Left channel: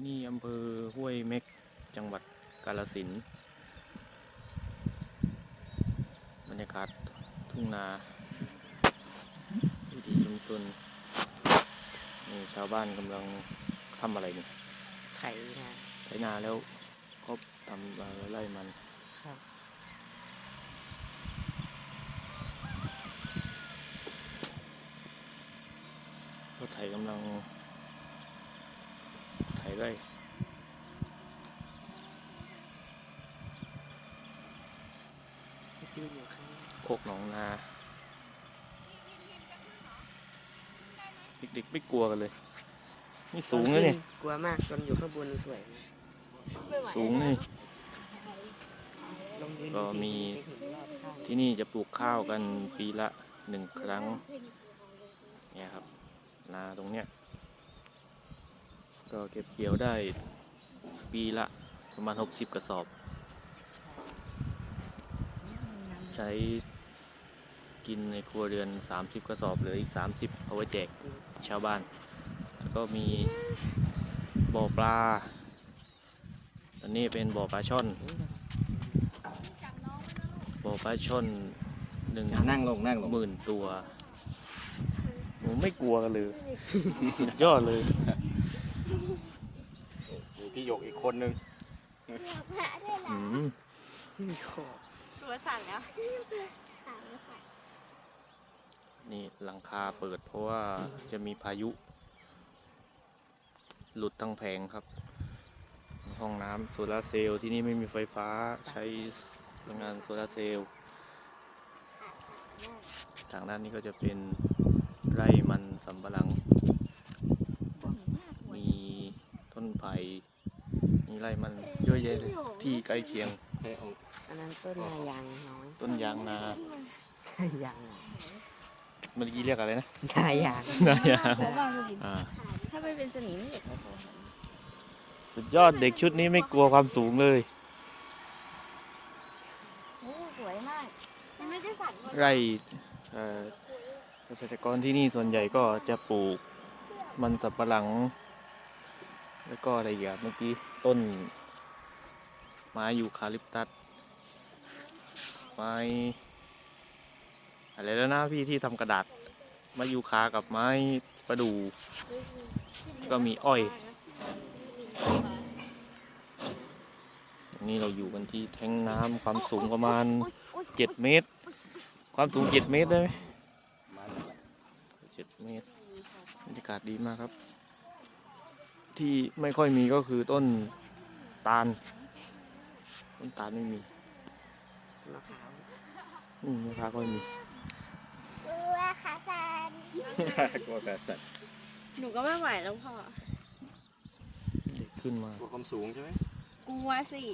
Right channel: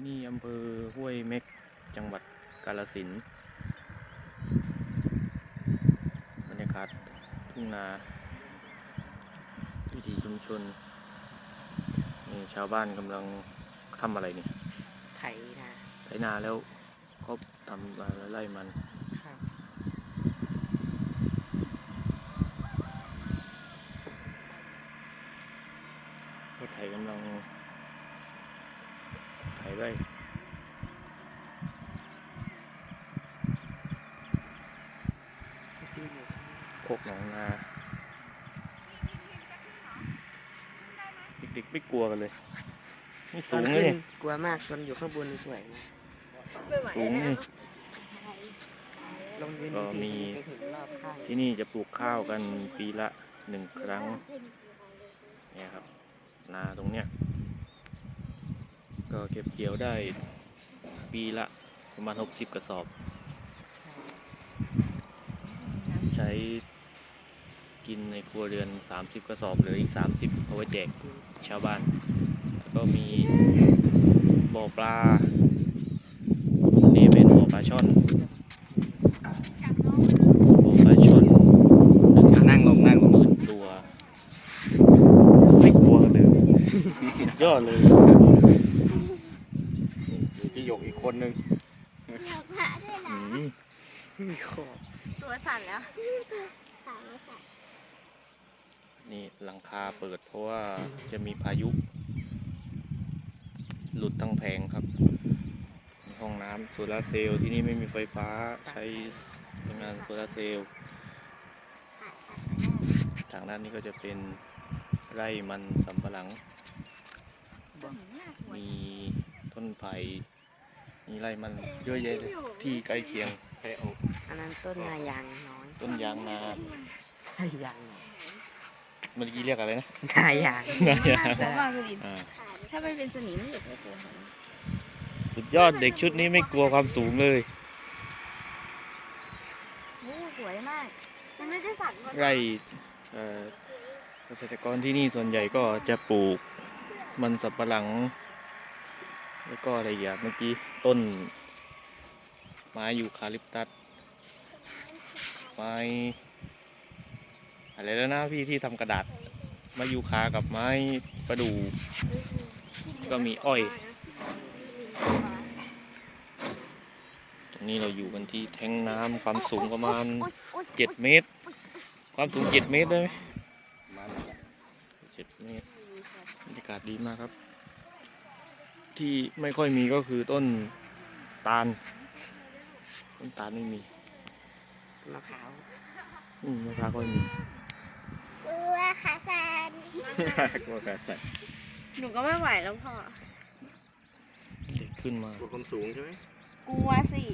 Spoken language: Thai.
ที่นี่อำเภอห้วยเม็ก จังหวัดกาฬสินธุ์บรรยากาศทุ่งนาวิถีชุมชนนี่ชาวบ้านกำลังทำอะไรนี่ไถนาไถนาแล้วเขาทำอะไรไล่มันครับรถไถกำลัง ไถไร่ตีอยู่ข้างหน้าโคกหนองนา เด็กๆไม่กลัวกันเลยนี่สูงนะเนี่ยกลัวมากตอนอยู่ข้างบนนี่สวยนะสูงนี่ลงยืนก็มีไปเห็นรอบข้างที่นี่จะปลูกข้าวกันปีละหนึ่งครั้ง เนี่ยครับ นาตรงเนี้ย ก็เก็บเกี่ยวได้ปีละประมาณ 60 กระสอบ ใช้กินในครัวเรือน 30 กระสอบเหลืออีก 30 เอาไว้แจกชาวบ้าน แล้วก็มีบ่อปลา อันนี้เป็นบ่อปลาช่อน บ่อปลาช่อนหนึ่งนั่งลงนั่งลงหมื่นตัว ไม่กลัวเลย สุดยอดเลย กอีกคนนึงอืมมีขอบตัวสั่นแล้วนี่หลังคาเปิดเพราะว่าจะมีพายุ หลุดตั้งแผงครับมีห้องน้ำโซลาร์เซลล์ที่นี่ไม่มีไฟฟ้าใช้พลังงานโซลาร์เซลล์ทางด้านนี้ก็จะเป็นไร่มันสำปะหลังมีต้นไผ่ มีไร่มันเยอะแยะเลยที่ใกล้เคียงแค่เอาอันนั้นต้นนายางน้อยต้นยางนานายางน้อยเมื่อกี้เรียกอะไรนะนายางนายางหัวบางกะลินอ่าถ้าไม่เป็นสนิมไม่อยากให้โผล่หันสุดยอดเด็กชุดนี้ไม่กลัวความสูงเลยโอ้สวยมากมันไม่ได้สั่นไร่เอ่อเกษตรกรที่นี่ส่วนใหญ่ก็จะปลูกมันสับปะหลัง แล้วก็อะไรอย่างเมื่อกี้ต้น ไม้ยูคาลิปตัสไม้อะไรแล้วนะพี่ที่ทำกระดาษไม้ยูคากับไม้ประดู่ก็มีอ้อยตรงนี้เราอยู่กันที่แท้งน้ำความสูงประมาณเจ็ดเมตร ความสูงเจ็ดเมตรได้ไหมมาแล้วเจ็ดเมตรบรรยากาศดีมากครับ ที่ไม่ค่อยมีก็คือต้นตาล ต้นตาลไม่มีมะพร้าวอืมมะพร้าวก็ไม่มีกลัวกระสันหนูก็ไม่ไหวแล้วพ่อ เด็กขึ้นมากลัวความสูงใช่ไหมกลัวสิก